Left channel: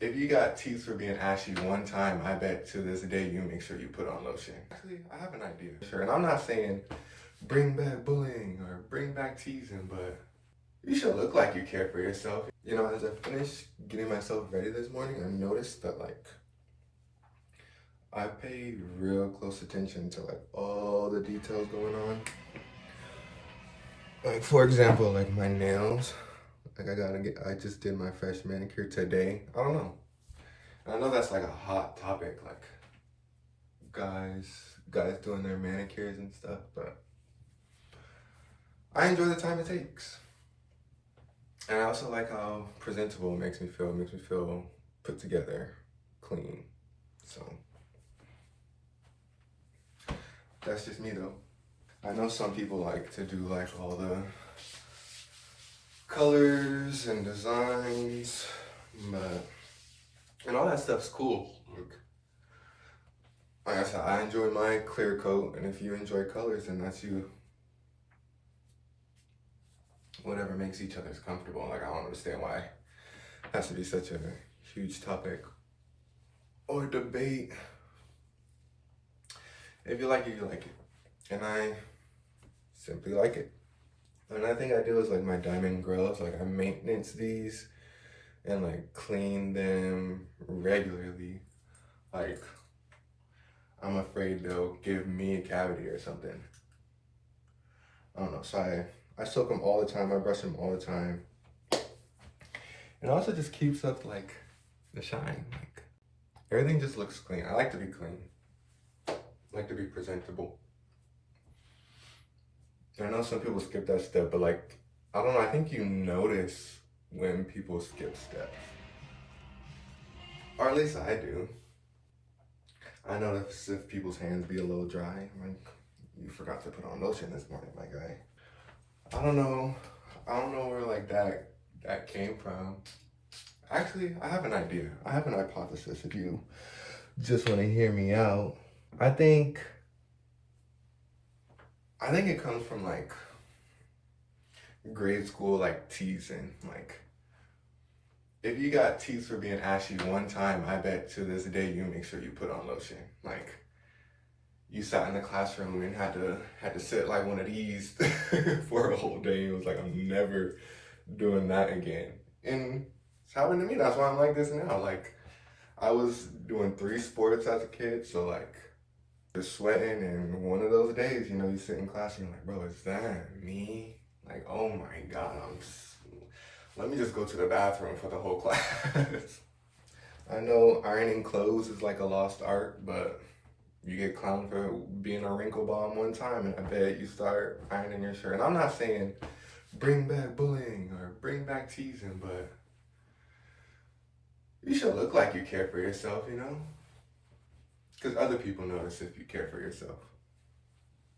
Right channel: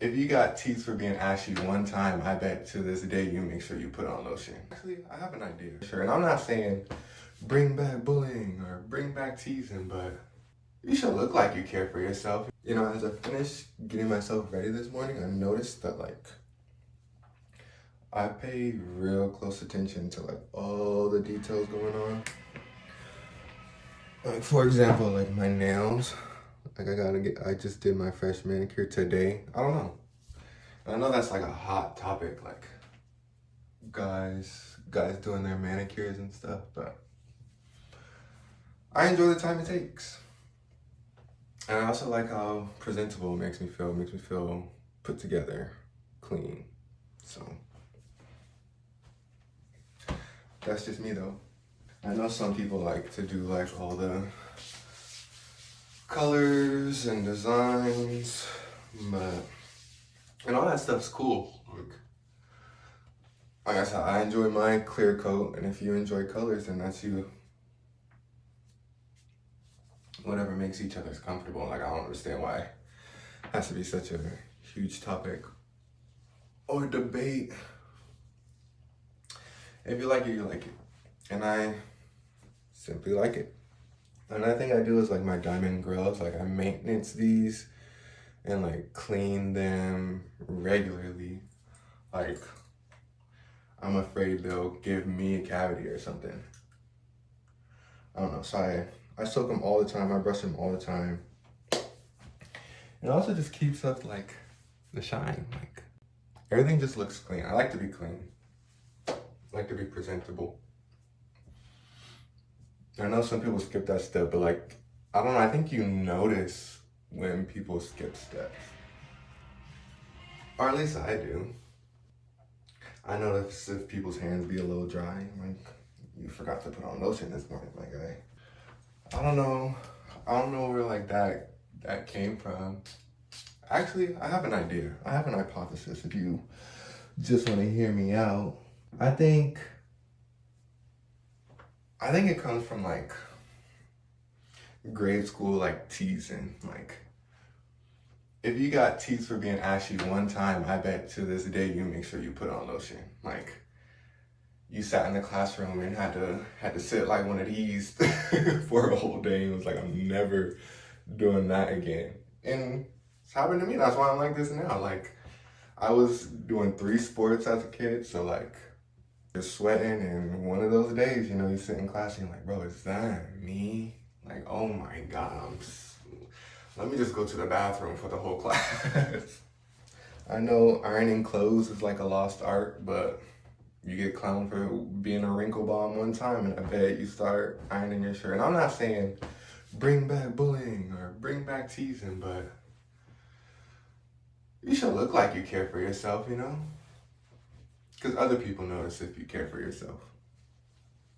If you got teeth for being ashy one time, I bet to this day you make sure you put on lotion. Actually, I have an idea. Sure, and I'm not saying bring back bullying or bring back teasing, but you should look like you care for yourself. You know, as I finished getting myself ready this morning, I noticed that I pay real close attention to all the details going on. For example, like my nails. I just did my fresh manicure today. I don't know. I know that's like a hot topic, like guys doing their manicures and stuff, but I enjoy the time it takes. And I also like how presentable it makes me feel. It makes me feel put together, clean. So that's just me though. I know some people like to do like all the colors and designs, and all that stuff's cool. Like I said, I enjoy my clear coat, and if you enjoy colors, then that's you. Whatever makes each other's comfortable. Like, I don't understand why it has to be such a huge topic or debate. If you like it, you like it. And I simply like it. Another thing I do is like my diamond grills. Like, I maintenance these and like clean them regularly. Like, I'm afraid they'll give me a cavity or something. I don't know. So I soak them all the time. I brush them all the time. It also just keeps up like the shine. Like, everything just looks clean. I like to be clean. I like to be presentable. I know some people skip that step, but like, I don't know. I think you notice when people skip steps. Or at least I do. I notice if people's hands be a little dry. Like, you forgot to put on lotion this morning, my guy. I don't know where like that came from. Actually, I have an idea. I have an hypothesis if you just want to hear me out. I think it comes from like grade school like teasing. Like, if you got teeth for being ashy one time, I bet to this day you make sure you put on lotion. Like, you sat in the classroom and had to sit like one of these for a whole day. It was like, I'm never doing that again. And it's happened to me. That's why I'm like this now. Like, I was doing 3 sports as a kid, so like, you're sweating, and one of those days, you know, you sit in class and you're like, bro, is that me? Like, oh my God, let me just go to the bathroom for the whole class. I know ironing clothes is like a lost art, but you get clowned for being a wrinkle bomb one time, and I bet you start ironing your shirt. And I'm not saying bring back bullying or bring back teasing, but you should look like you care for yourself, you know? Because other people notice if you care for yourself.